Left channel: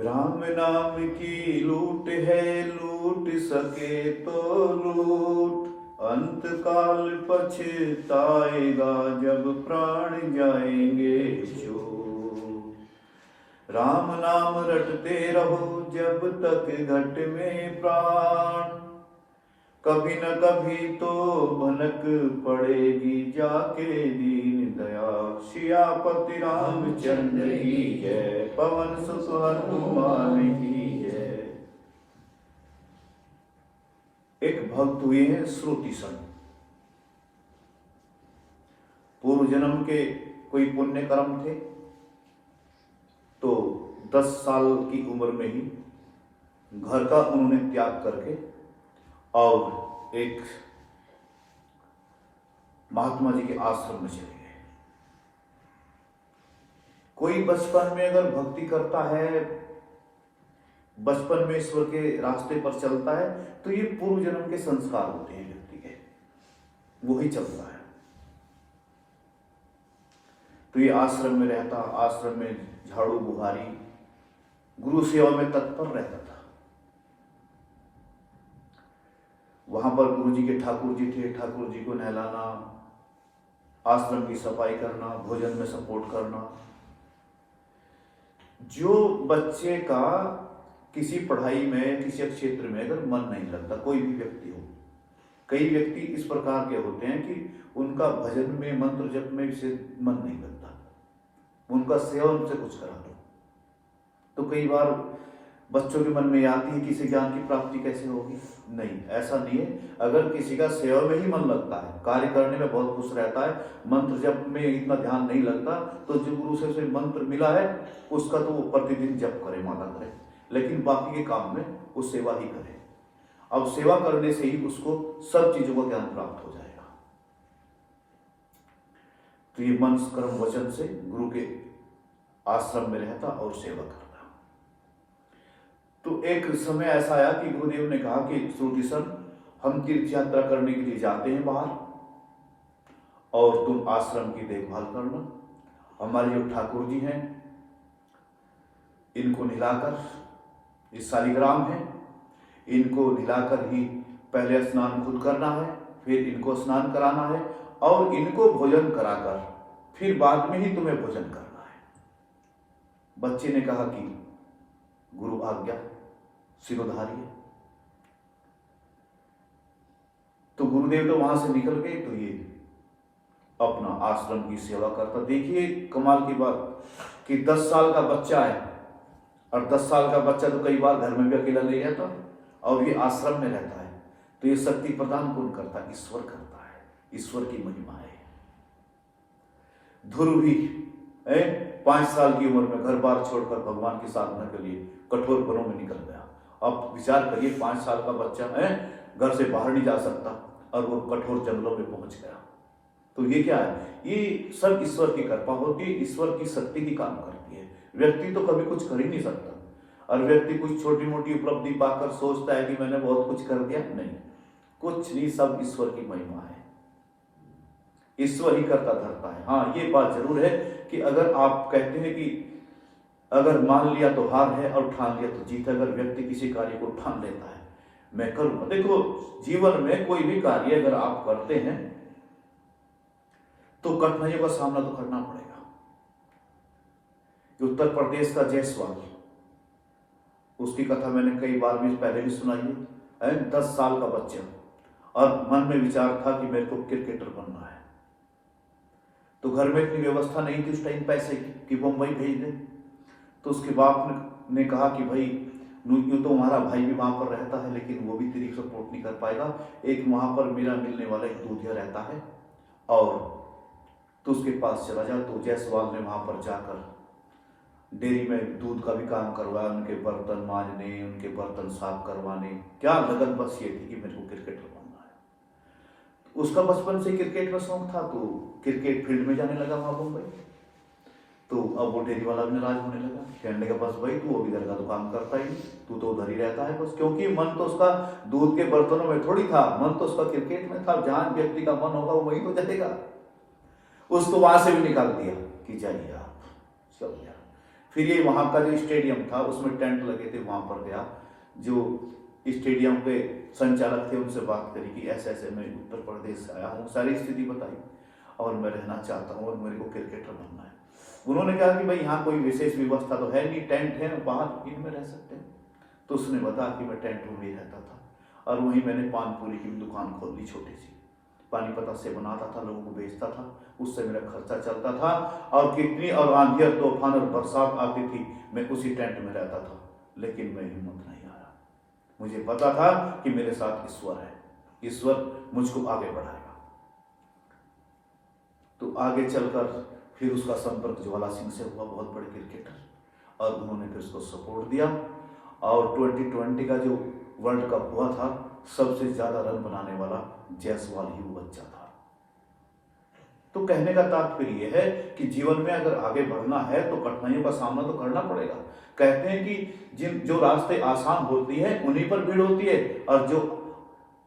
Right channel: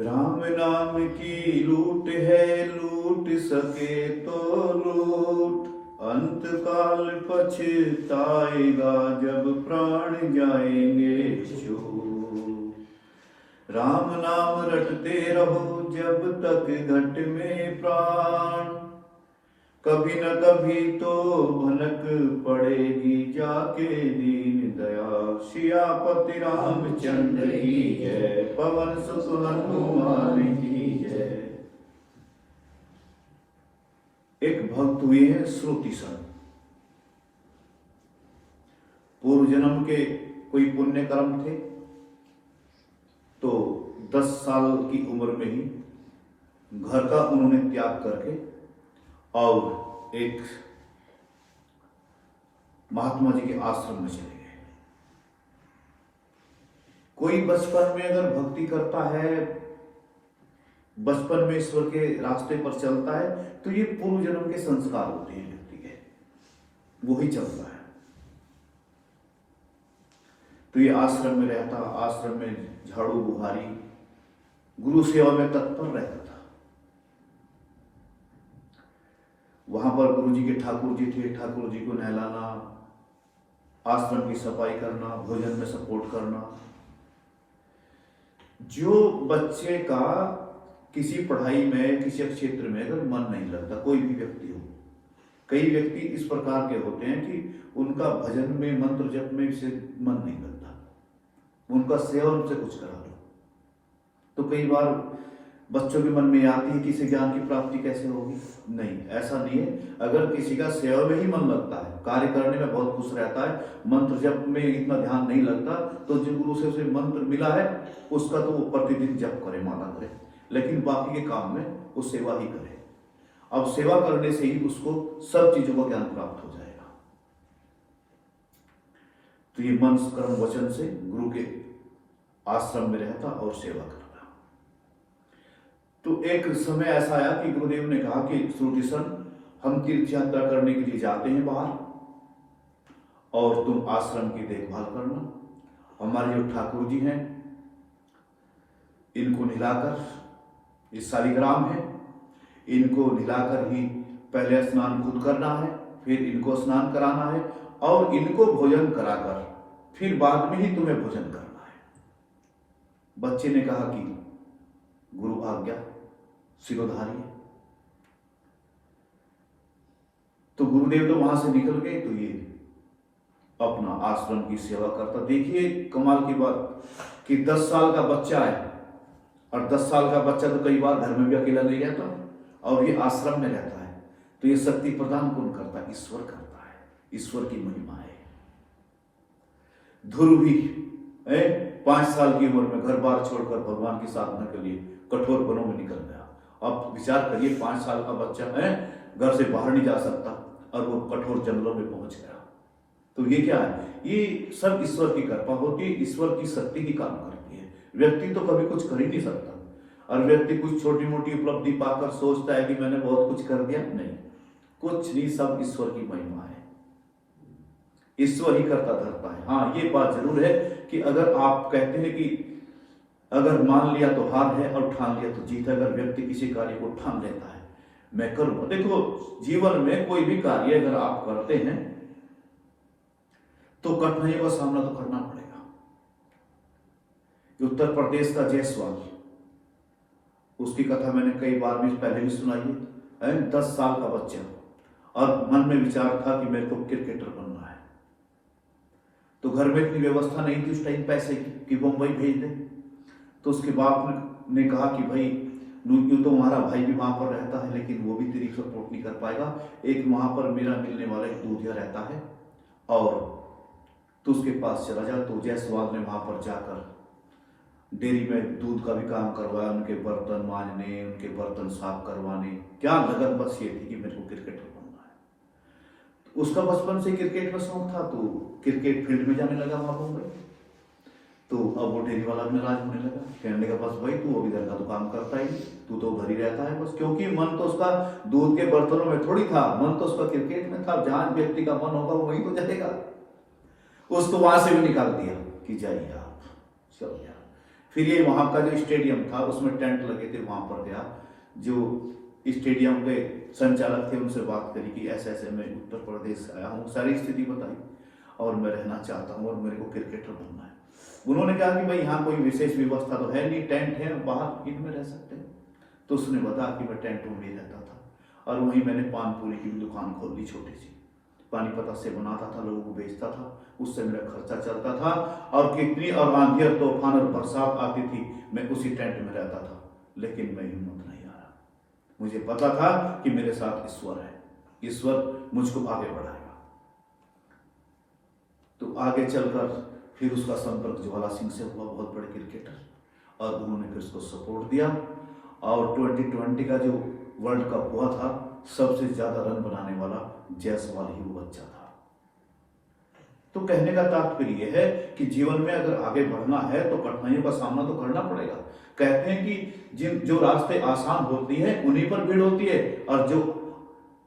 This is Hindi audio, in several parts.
राम नाम की लूट है, लूट सके तो लूट, अंत काल पछताएगा जब प्राण जाएंगे छूट। राम नाम रटते रहो जब तक घट में प्राण, कभी न कभी तो भनक पड़ेगी जाके दीन दयाल। सियापति रामचंद्र की जय, पवन सुत हनुमान की जय। एक भक्त हुए हैं श्रुतिसन। पूर्व जन्म के कोई पुण्य कर्म थे, तो 10 साल की उम्र में ही घर का उन्होंने त्याग करके और एक महात्मा जी के आश्रम में चले गए। कोई बचपन में अगर भक्ति करता है, बचपन में ईश्वर के रास्ते पर चलता है, तो ये पूर्व जन्म के संस्कार होते हैं व्यक्ति के, वो ही चलता है। तो ये आश्रम में रहता, आश्रम में झाड़ू बुहारी, गुरु सेवा में तत्पर रहता था। वहां पर गुरु जी के ठाकुर जी थे, ठाकुर जी को नहलाना, आश्रम की सफाई करना, भोजन में सपोर्ट करना। जो बच्चे का किसी पढ़ाई में, किसी क्षेत्र में अगर मन नहीं लगता, कोई भी व्यक्ति हो, कई व्यक्ति इस प्रकार के होते हैं कि उनका भजन में, मंत्र जप में से मन नहीं लगता, उनका सेवन से कुछ करा दो, तो कई बार बच्चों के मन में आती है कि इसे ज्ञान की प्राप्ति कैसे होगी। नहीं, ऐसा नहीं है। अगर किसी का सेवा में ही मन लगता है, कार्य करने में बहुत खुश रहता है, मंत्र जप में इतना ध्यान नहीं लगता, तो जो गुरु से उसे मंत्र मिला है उसका तो वो प्रतिदिन जप करे, माला करे, लेकिन बाकी के काम में वो सेवा ही करे। अब सेवा करने से ही उसको सब चीजों का ज्ञान प्राप्त हो जाएगा। तो ये मन कर्म वचन से गुरु के आश्रम में रहता और सेवा करता। तो एक समय ऐसा आया कि गुरुदेव ने कहा कि श्रुतिसन, हम तीर्थ यात्रा करने के लिए जाते हैं बाहर, और तुम आश्रम की देखभाल करना। हमारे जो ठाकुर जी हैं, इनको नहलाकर, ये शालिग्राम है, इनको नहलाकर ही पहले स्नान खुद करना है, फिर इनको स्नान कराना है, और इनको भोजन कराकर फिर बाद में ही तुम्हें भोजन करना है। बच्चे ने कहा कि गुरु आज्ञा, सिरोधार्य। तो गुरुदेव तो वहां से निकल गए, तो ये अपना आश्रम की सेवा करता। देखिए कमाल की बात कि 10 साल का बच्चा है, और 10 साल का बच्चा तो कई बार घर में भी अकेला नहीं रहता, और ये आश्रम में रहता है। तो ये शक्ति प्रदान कौन करता है? ईश्वर करता है। ईश्वर की महिमा है। ध्रुव भी 5 साल की उम्र में घर बार छोड़कर भगवान की साधना के लिए कठोर वनों में निकल गया। अब विचार करिए, 5 साल का बच्चा घर से बाहर नहीं जा सकता और वो कठोर जंगलों में पहुंच गया। तो ये क्या है? ये सब ईश्वर की कृपा होती है, ईश्वर की शक्ति की काम करती है। व्यक्ति तो कभी कुछ कर ही नहीं सकता, और व्यक्ति कुछ छोटी मोटी उपलब्धि पाकर सोचता है कि मैंने बहुत कुछ कर दिया। नहीं, कुछ नहीं, सब ईश्वर की महिमा है। ईश्वर ही करता धरता है। हाँ, ये बात जरूर है कि अगर आप कहते हैं कि अगर मान लिया तो हार है और ठान लिया तो जीत है। अगर व्यक्ति किसी कार्य को ठान लेता है, मैं करूंगा। देखो, जीवन में कोई भी कार्य अगर आप करते हैं तो कठिनाइयों का सामना तो करना पड़ेगा। उत्तर प्रदेश का जायसवाल, उसकी कथा मैंने कई बार भी पहले भी सुनाई है। 10 साल का बच्चा, और मन में विचार था कि मेरे को क्रिकेटर बनना है। तो घर में इतनी व्यवस्था नहीं थी उस टाइम पैसे की कि मुंबई भेज दे। तो उसके बाप ने कहा कि भाई, यूं तो हमारा भाई भी वहां पर रहता है, लेकिन वो भी तेरी सपोर्ट नहीं कर पाएगा। एक वहां पर मेरा मिलने वाला एक दूधिया रहता है, और तो उसके पास चला जा। तो जायसवाल ने वहां पर जाकर डेयरी में दूध का भी काम करवाया, उनके बर्तन मांजने, उनके बर्तन साफ करवाने। क्या लगन बस ये थी कि मेरे को क्रिकेटर बनना है। उसका बचपन से क्रिकेट में शौक था, तो क्रिकेट फील्ड में जाने लगा वहां मुंबई। तो अब वो डेयरी वाला नाराज होने लगा, कहने लगा बस भाई तू अभी इधर का तो काम करता ही, तू तो उधर ही रहता है बस। क्योंकि मन तो उसका दूध के बर्तनों में थोड़ी था, मन तो उसका क्रिकेट में था। जहां व्यक्ति का मन होगा वही तो जाएगा। उसको वहां से भी निकाल दिया कि जाइए आप, चल यार। फिर ये वहां का जो स्टेडियम था उसमें टेंट लगे थे, वहां पर गया। जो स्टेडियम के संचालक थे उनसे बात करी कि ऐसे ऐसे मैं उत्तर प्रदेश से आया हूँ, सारी स्थिति बताई और मैं रहना चाहता हूँ और मेरे को क्रिकेटर बनना है। उन्होंने कहा कि भाई यहाँ कोई विशेष व्यवस्था तो है नहीं, टेंट है, बाहर इनमें रह सकते हैं। तो उसने बताया कि मैं टेंट में ही रहता था और वहीं मैंने पान पूरी की दुकान खोल ली, छोटी सी, पानीपत से बनाता था, लोगों को बेचता था, उससे मेरा खर्चा चलता था। और कितनी और आंधी और तूफान और बरसात आती थी, मैं उसी टेंट में रहता था, लेकिन मैं हिम्मत नहीं हारा। मुझे पता था कि मेरे साथ ईश्वर है, ईश्वर मुझको आगे बढ़ाएगा। तो आगे चलकर फिर उसका संपर्क ज्वाला सिंह से हुआ, बहुत बड़े क्रिकेटर, और उन्होंने फिर उसको सपोर्ट दिया। और 2020 का जो वर्ल्ड कप हुआ था, सबसे ज्यादा रन बनाने वाला जायसवाल ही वो बच्चा था। तो कहने का तात्पर्य यह है कि जीवन में अगर आगे बढ़ना है तो कठिनाइयों का सामना तो करना पड़ेगा। कहते हैं कि जो रास्ते आसान होती है उन्हीं पर भीड़ होती है, और जो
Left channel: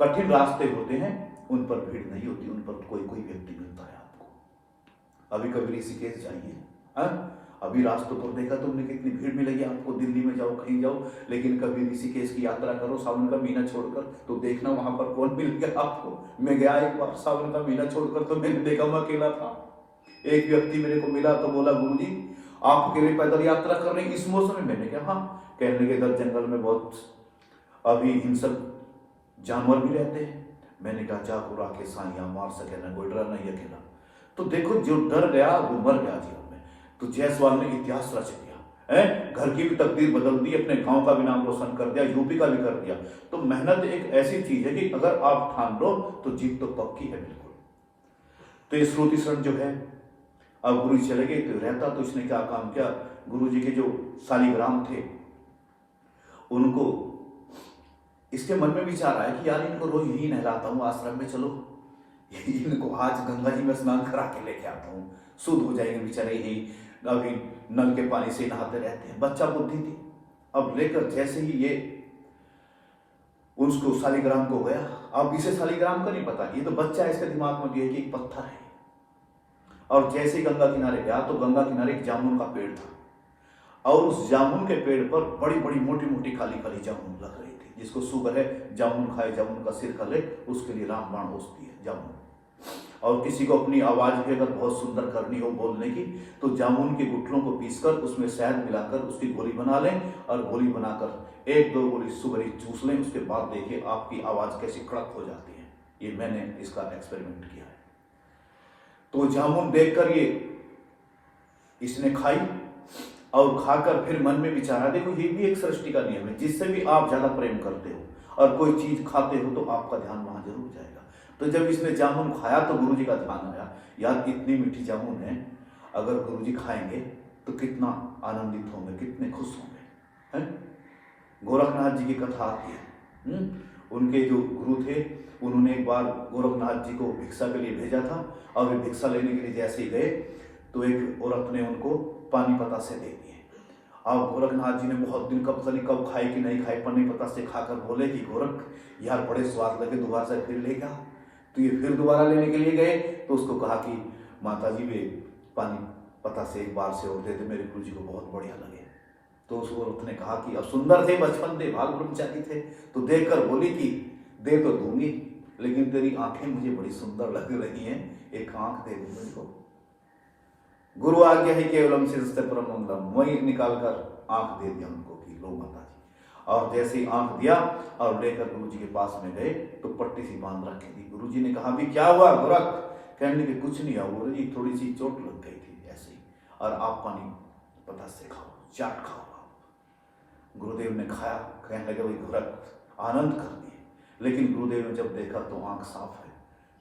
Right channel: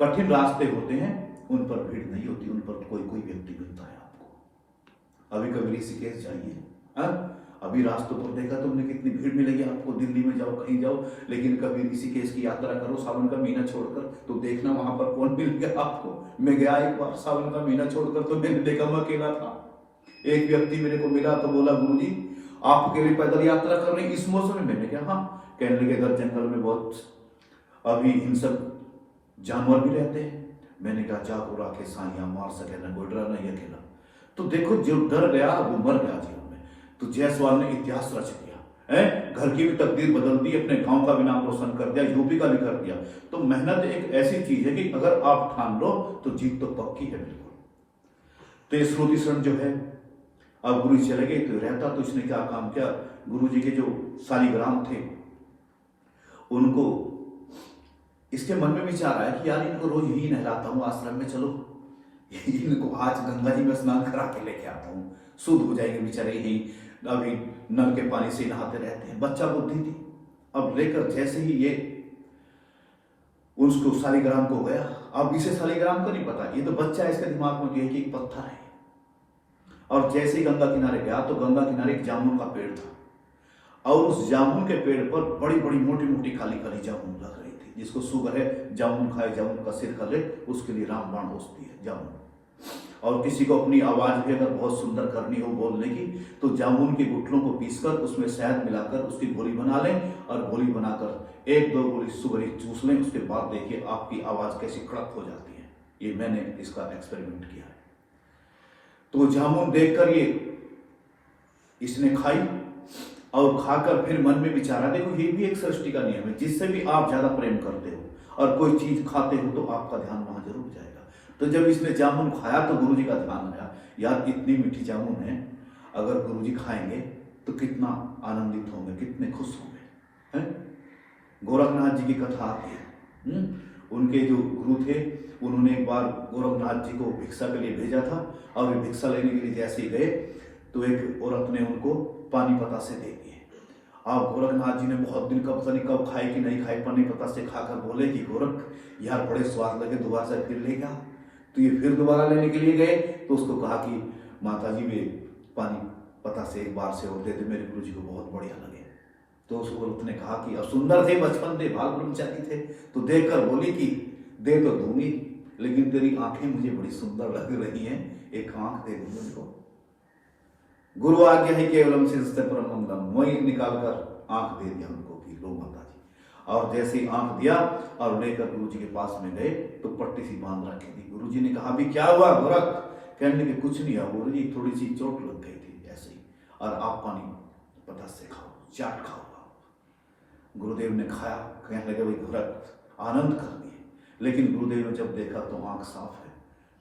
कठिन रास्ते होते हैं उन पर भीड़ नहीं होती, उन पर कोई कोई व्यक्ति मिलता है आपको। अभी कभी ऋषिकेश जाइए, अभी रास्तों पर देखा तुमने कितनी भीड़ मिलेगी आपको, दिल्ली में जाओ कहीं जाओ, लेकिन कभी ऋषिकेश की यात्रा करो सावन का महीना छोड़कर, तो देखना वहां पर कौन मिलेगा आपको। मैं गया एक बार सावन का महीना छोड़कर, तो मैंने देखा मैं अकेला था। एक व्यक्ति मेरे को मिला तो बोला, गुरु जी आप अकेले पैदल यात्रा कर रहे हैं इस मौसम में? मैंने कहा हाँ। कहने लगे इधर जंगल में बहुत अभी हिंसक जानवर भी रहते हैं। मैंने कहा जाको राखे साइया मार सके ना कोई डरा नहीं अकेला। तो देखो जो डर गया वो मर गया जीवन में। तो जायसवाल ने इतिहास रच दिया है, घर की भी तकदीर बदल दी, अपने गांव का भी नाम रोशन कर दिया, यूपी का भी कर दिया। तो मेहनत एक ऐसी चीज है कि अगर आप ठान लो तो जीत तो पक्की है बिल्कुल। तो ये श्रुतिशरण जो है, अब गुरु जी चले गए तो रहता, तो इसने क्या काम किया, गुरु जी के जो शालिग्राम थे उनको, इसके मन में विचार आया कि यार इनको रोज यही नहलाता हूँ आश्रम में, चलो इनको आज गंगा जी में स्नान करा के लेके आता हूँ, शुद्ध हो जाएंगे बेचारे, यही अभी नल के पानी से नहाते रहते हैं। बच्चा बुद्धि थी, अब लेकर जैसे ही ये उसको शालिग्राम को गया, अब इसे शालिग्राम का नहीं पता, ये तो बच्चा इसके दिमाग में गया कि एक पत्थर है। और जैसे ही गंगा किनारे गया तो गंगा किनारे एक जामुन का पेड़ था, और उस जामुन के पेड़ पर बड़ी बड़ी मोटी मोटी काली काली जामुन लग रही थी। जिसको शुगर है जामुन खाए, जामुन का सिर कर ले, उसके लिए रामबाण औषधि है जामुन। और किसी को अपनी आवाज भी अगर बहुत सुंदर करनी हो बोलने की, तो जामुन के गुठलों को पीसकर उसमें शहद मिलाकर उसकी गोली बना लें, और गोली बनाकर 1-2 गोली सुबह चूस लें, उसके बाद देखिए आपकी आवाज कैसी कड़क हो जाती है। ये मैंने इसका एक्सपेरिमेंट किया है। तो जामुन देखकर ये इसने खाई, और खाकर फिर मन में विचारा, देखो ये भी एक सृष्टि का नियम है, जिससे भी आप ज्यादा प्रेम करते हो और कोई चीज खाते हो तो आपका ध्यान वहां जरूर जाएगा। तो जब इसने जामुन खाया तो गुरुजी का ध्यान आया, यार इतनी मीठी जामुन है, अगर गुरुजी खाएंगे तो कितना आनंदित होंगे, कितने खुश होंगे। गोरखनाथ जी की कथा आती है। उनके जो गुरु थे उन्होंने एक बार गोरखनाथ जी को भिक्षा के लिए भेजा था, और वे भिक्षा लेने के लिए जैसे ही गए तो एक औरत ने उनको पानी पता से दे दिए। अब गोरखनाथ जी ने बहुत दिन कब तक कब खाए कि नहीं खाए, पानी पता से खाकर बोले कि गोरख यार बड़े स्वाद लगे, दोबारा से फिर ले गया। तो ये फिर दोबारा लेने के लिए गए, तो उसको कहा कि माता जी वे पानी पता से एक बार से और दे दे, मेरे गुरु जी को बहुत बढ़िया लगे। तो उस औरत ने कहा कि अब सुंदर थे, बचपन थे, भाग ब्रह्मचारी थे, तो देखकर बोली कि दे तो दूंगी, लेकिन तेरी आंखें मुझे बड़ी सुंदर लग रही हैं, एक आंख दे दे मुझको। गुरु आज्ञा है केवलम सिंस्ते परम मंगलम, वही निकालकर आंख दे दिया उनको कि लो माता जी। और जैसे ही आंख दिया और लेकर गुरु जी के पास में गए तो पट्टी सी बांध रखी थी। गुरु जी ने कहा भी क्या हुआ गोरख? कहने के कुछ नहीं हुआ गुरु जी, थोड़ी सी चोट लग गई थी ऐसे ही, और आप पानी पता से खाओ, चाट खाओ। गुरुदेव ने खाया, कहने लगे भाई गोरख आनंद कर दिए। लेकिन गुरुदेव ने जब देखा तो आंख साफ है,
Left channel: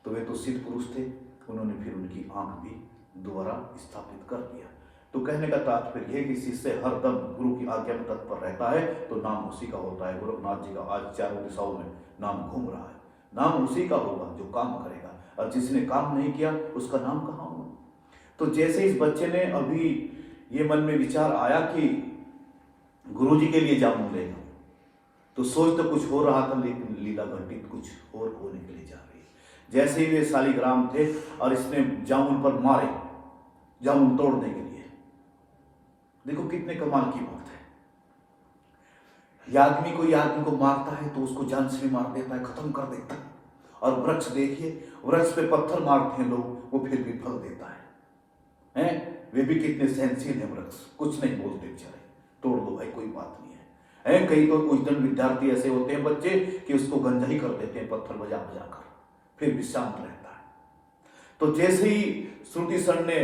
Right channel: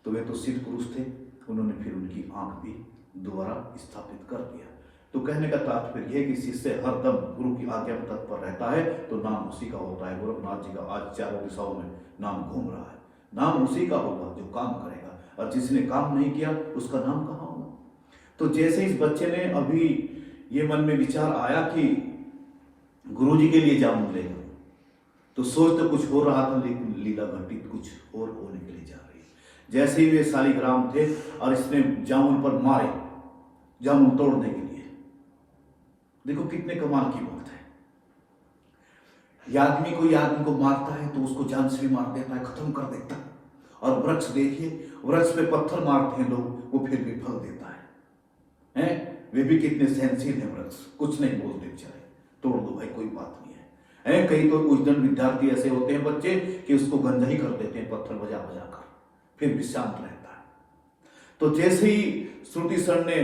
तो वे तो सिद्ध पुरुष थे, उन्होंने फिर उनकी आंख भी दोबारा स्थापित कर दिया। तो कहने का तात्पर्य है कि शिष्य हरदम गुरु की आज्ञा पर तत्पर रहता है तो नाम उसी का होता है। गोरखनाथ जी का आज चारों दिशाओं में नाम घूम रहा है, नाम उसी का होगा जो काम करेगा, और जिसने काम नहीं किया उसका नाम कहाँ होगा। तो जैसे इस बच्चे ने अभी ये मन में विचार आया कि गुरु जी के लिए जामुन लेगा, तो सोच तो कुछ हो रहा था, लेकिन लीला घटित कुछ और होने के लिए जा रही है। जैसे ही वे शालिग्राम थे और इसने जामुन पर मारे, जामुन तोड़ने के लिए, देखो कितने कमाल की बात है। ये आदमी कोई आदमी को मारता है तो उसको जान से मार देता है, खत्म कर देता है। और वृक्ष देखिए, वृक्ष पे पत्थर मारते हैं लोग, वो फिर भी फल देता है। वे भी कितने सहनशील है वृक्ष, कुछ नहीं बोलते बेचारे, तोड़ दो भाई कोई बात नहीं है। कई तो कुछ दिन विद्यार्थी ऐसे होते हैं बच्चे कि उसको गंजा ही कर देते हैं पत्थर बजा बजा कर, फिर भी शांत रहता है। तो जैसे ही श्रुति सर ने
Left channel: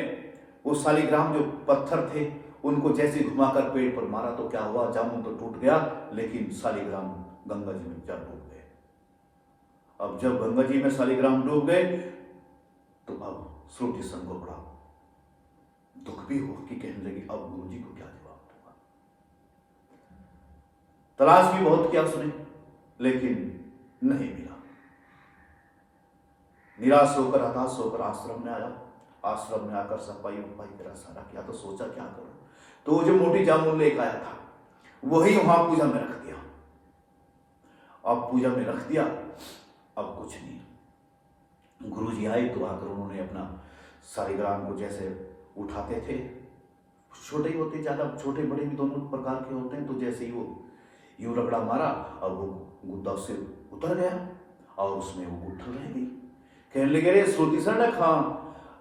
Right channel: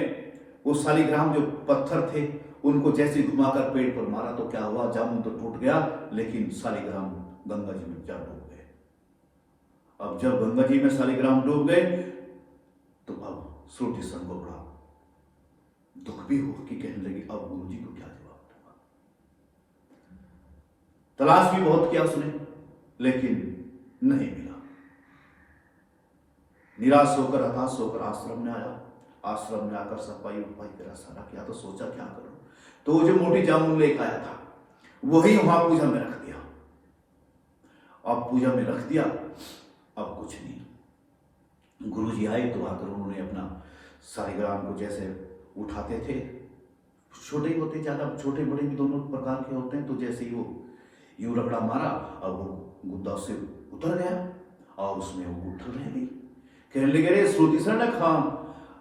वो शालिग्राम जो पत्थर थे उनको जैसे घुमाकर पेड़ पर मारा तो क्या हुआ, जामुन तो टूट गया लेकिन शालिग्राम गंगा जी में जा डूब गए। अब जब गंगा जी में शालिग्राम डूब गए तो अब श्रुति सर को बड़ा दुख भी हुआ कि कहने लगी अब गुरु जी को क्या जवाब दूंगा। तलाश भी बहुत किया उसने लेकिन नहीं मिला। निराश होकर हताश होकर आश्रम में आया। आश्रम में आकर सफाई उफाई करा, सारा किया तो सोचा क्या करूं। तो वो जो मोटी जामुन लेकर आया था वही वहां पूजा में रख दिया। अब पूजा में रख दिया, अब कुछ नहीं। गुरु जी आए तो आकर उन्होंने अपना शालिग्राम को जैसे उठाते थे, छोटे ही होते, ज्यादा छोटे बड़े भी दोनों प्रकार के होते हैं, तो जैसे ही वो यूं रगड़ा मारा और वो गुद्दा से उतर गया और उसमें वो उठल रह गई। कहने लगे रे श्रुति सर ने खा,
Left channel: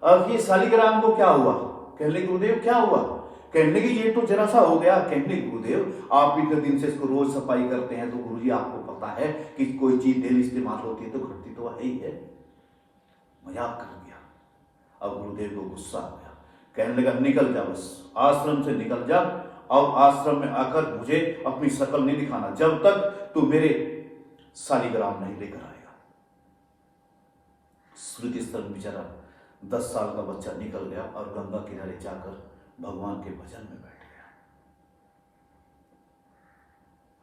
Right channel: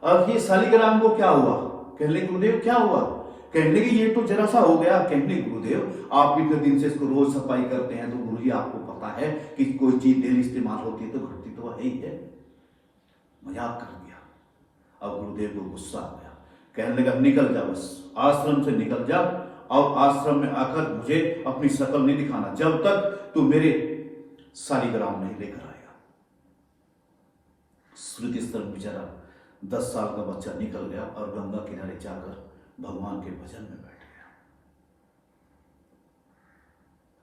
अब ये शालिग्राम को क्या हुआ? कहने लगे गुरुदेव क्या हुआ? कहने लगे ये तो जरा सा हो गया। कहने लगे गुरुदेव आप इतने दिन से इसको रोज सफाई करते हैं तो गुरुजी आपको पता है कि कोई चीज डेली इस्तेमाल होती है तो घटती तो है ही है। मजाक कर दिया। अब गुरुदेव को गुस्सा आ गया, कहने लगा निकल जा, बस आश्रम से निकल जा। अब आश्रम में आकर मुझे अपनी शक्ल नहीं दिखाना जब तक तू मेरे शालिग्राम नहीं लेकर आएगा। श्रुति स्थल बेचारा 10 साल का बच्चा निकल गया और गंगा किनारे जाकर भगवान के भजन में बैठ गया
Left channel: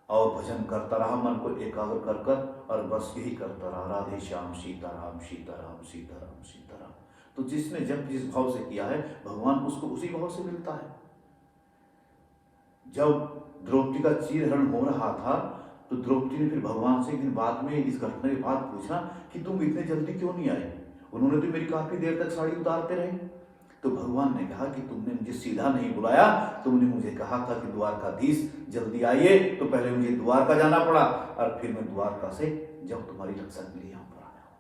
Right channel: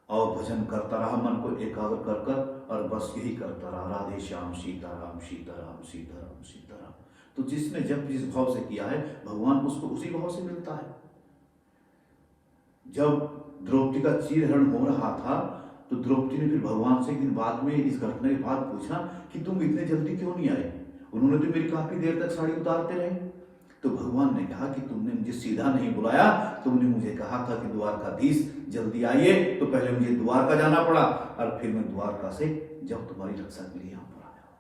और भजन करता रहा, मन को एकाग्र कर कर, और बस यही करता रहा, राधे श्याम सीताराम सीताराम सीताराम सीताराम। तो जिसने जब जिस भाव से किया है भगवान उसको उसी भाव से मिलता है। जब द्रौपदी का चीरहरण हो रहा था तो द्रौपदी ने फिर भगवान से बाद में इस घटना के बाद पूछा कि तुम इतने जल्दी क्यों नहीं आए? उन्होंने तो मेरी काफी देर तक साड़ी उतारते रहे। तो भगवान ने कहा कि तुमने मुझे सीधा नहीं बुलाया, तुमने मुझे कहा था कि द्वारकाधीश जल्दी आइए, तो पहले मुझे द्वारका जाना पड़ा और फिर मैं द्वारका से जब तुम्हारी रक्षा के लिए यहां पर आया।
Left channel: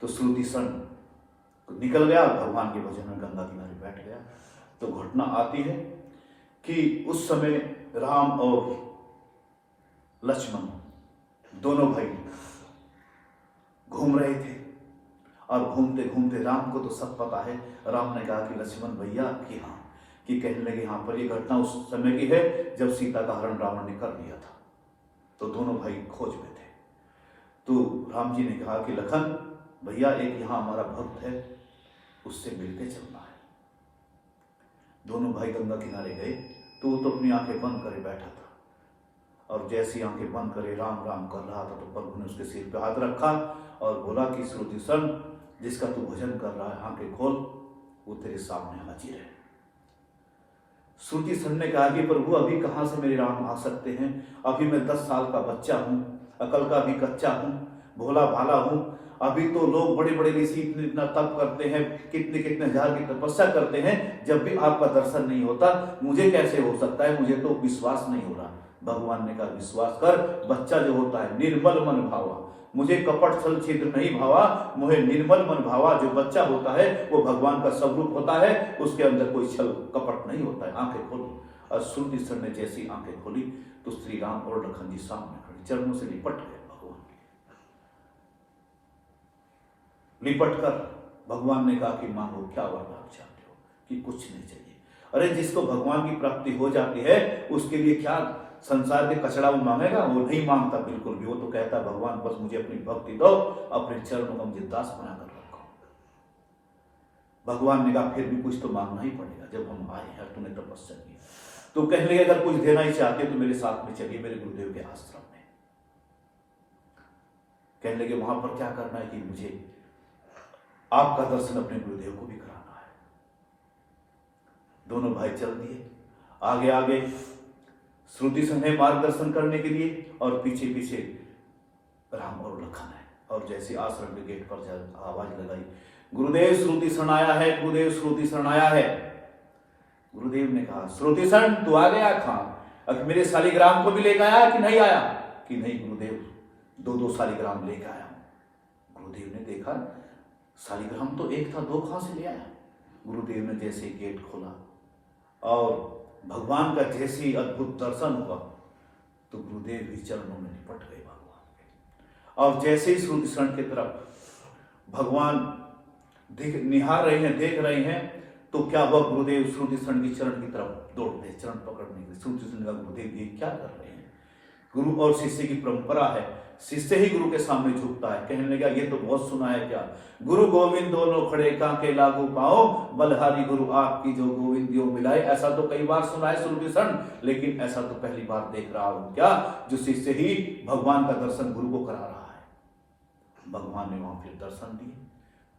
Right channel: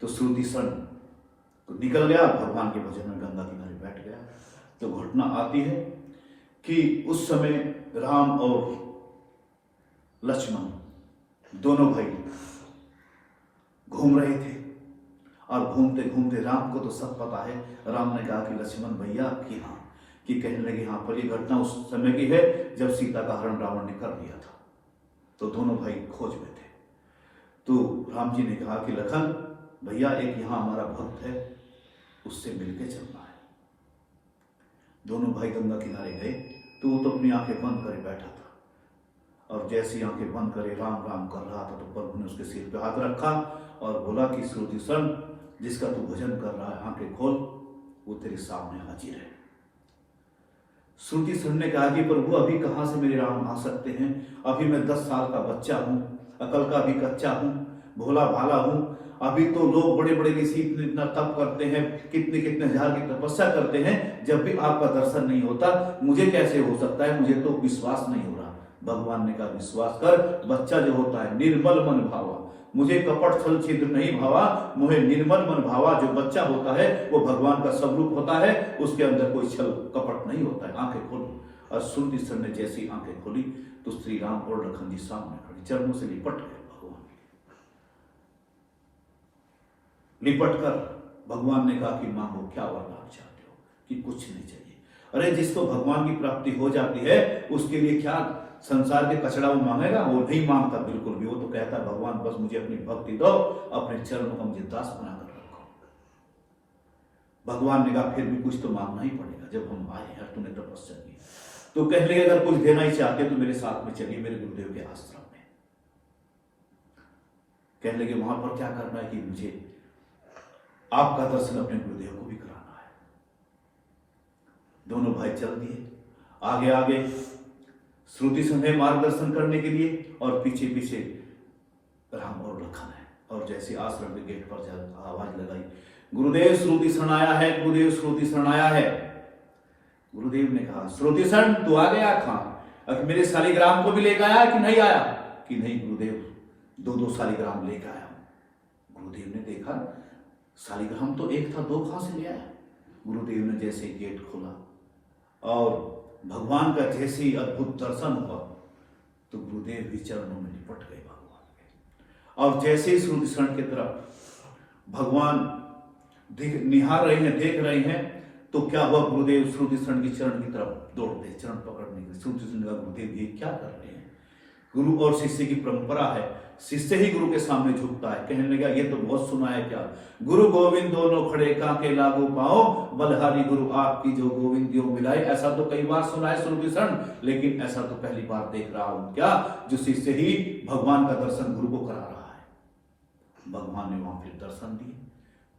तो श्रुति सन तो निकल गया, भगवान के भजन में गंगा किनारे बैठ गया। तो घटना आती है कि उस समय राम और लक्ष्मण दोनों भाई घूम रहे थे और घूमते घूमते राम को तो सब पता है। राम ने कहा कि लक्ष्मण भैया कि हाँ, कि कहने लगे हाँ पर ये घटना उस समय की है जब सीता का हरण रावण ने कर दिया था। तो दोनों भाई खोज में थे। तो राम जी ने कहा कि लखन भैया एक यहाँ हमारा भक्त है, उससे मिलके चलना है। दोनों भाई गंगा किनारे गए तो वो तो अपनी आंखें बंद करे बैठा था और जैसी आंखें बंद करे राम राम कर रहा था तो प्रभु ने उसके सिर पे हाथ रखा और बोला कि श्रुति सन जिसका तू भजन कर रहा है आंखें खोल, वो तेरे सामने हाजिर है। श्रुति सन ने कहा कि प्रभु अभी कहां से मेरे राम आ सकते हैं? अभी मैं 10 साल का बच्चा हूं, अकल का भी कच्चा हूं, भोला भाला हूं। अभी तो लोग बड़े बड़े ऋषि इतना तप करते हैं, कितने कितने हजार की तपस्या करते हैं, जब भी आपका दर्शन नहीं होता मुझे कैसे हो सकता है? मुझे तो विश्वास नहीं हो रहा। भगवान ने कहा विश्वास कर, बच्चा जो होता है निर्मल मन भावा, मुझे कपट छल छिद्र नहीं भावा, मुझे निर्मल मन भावा। जो बच्चा होता है वो भगवान का स्वरूप होता है, उसके अंदर कोई छल कपट नहीं होता है। आंखें खोल। और श्रुति सन ने जैसी आंखें खोली तो श्री राम और लखन जी सामने खड़े, चरणों से लिपट गए। लिपट कर भगवान ने कहा कि मांगो क्या वरदान चाहते हो? कि कुछ नहीं चाहिए। अरे जिसको भगवान की प्राप्ति हो जाती है उसके लिए क्या संसार के कचड़ा वो मांगेगा? वो नहीं मांगता बिल्कुल भी। वो तो कहता भगवान बस मुझे अपनी भक्ति दो, अपने चरणों को मुझे दास बनाकर रखो। भगवान ने कहा फिर भी कुछ तो मांगना ही पड़ेगा, जब हम आए हैं तूने तपस्या की। तो कहने लगे अगर कुछ देना ही चाहते तो मेरे साथ में चलिए मेरे गुरुदेव के आश्रम में। कहने लगे वहां पर क्या करना है? कि मुझे आपका दर्शन अपने गुरुदेव को भी कराना है। दोनों भाई चल दिए आगे आगे, श्रुति संघ मार्गदर्शन करने के लिए और पीछे पीछे राम और लखन है। और जैसे आश्रम के गेट पर आवाज लगाई गुरुदेव श्रुति शरण आया है, गुरुदेव श्रुति शरण आया है। गुरुदेव ने कहा, श्रुतिसन तू आ गया था, अब मेरे शालिग्राम को भी लेकर आया कि नहीं आया? कि नहीं गुरुदेव, 2-2 शालिग्राम लेकर आया। गुरुदेव ने देखा शालिग्राम तो एक था, 2 कहां से ले आया? गुरुदेव ने जैसे ही गेट खोला और भगवान का जैसे ही अद्भुत दर्शन हुआ तो गुरुदेव भी चरणों में लिपट गए भगवान के। और जैसे ही श्रुतिसन की तरफ भगवान निहार रहे हैं, देख रहे हैं, तो क्या हुआ, गुरुदेव श्रुतिसन की चरण की तरफ दौड़ गए, चरण पकड़ने के। श्रुतिसन का गुरुदेव ये क्या कर रहे हैं? गुरु और शिष्य की परंपरा है, शिष्य ही गुरु के सामने झुकता है। कहने लगा, ये तो बहुत सुना है, क्या गुरु गोविंद दोनों खड़े कांके लागू पाओ, बलहारी गुरु आपकी जो गोविंद यो मिलाए। ऐसा तो कई बार सुना है श्रुतिसन, लेकिन ऐसा तो पहली बार देख रहा हूं, क्या जो शिष्य ही भगवान का दर्शन गुरु को करा रहा है। भगवान ने वहां फिर दर्शन दिए,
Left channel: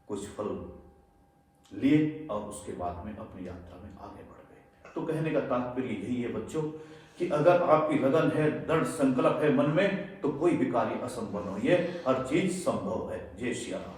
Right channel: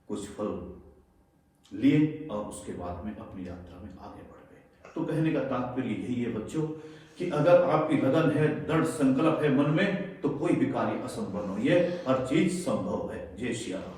कुछ फल लिए और उसके बाद में अपनी यात्रा में आगे बढ़ गए। तो कहने का तात्पर्य यही है बच्चों कि अगर आपकी लगन है, दृढ़ संकल्प है मन में, तो कोई भी कार्य असंभव नहीं है, हर चीज संभव है। जय श्री राम।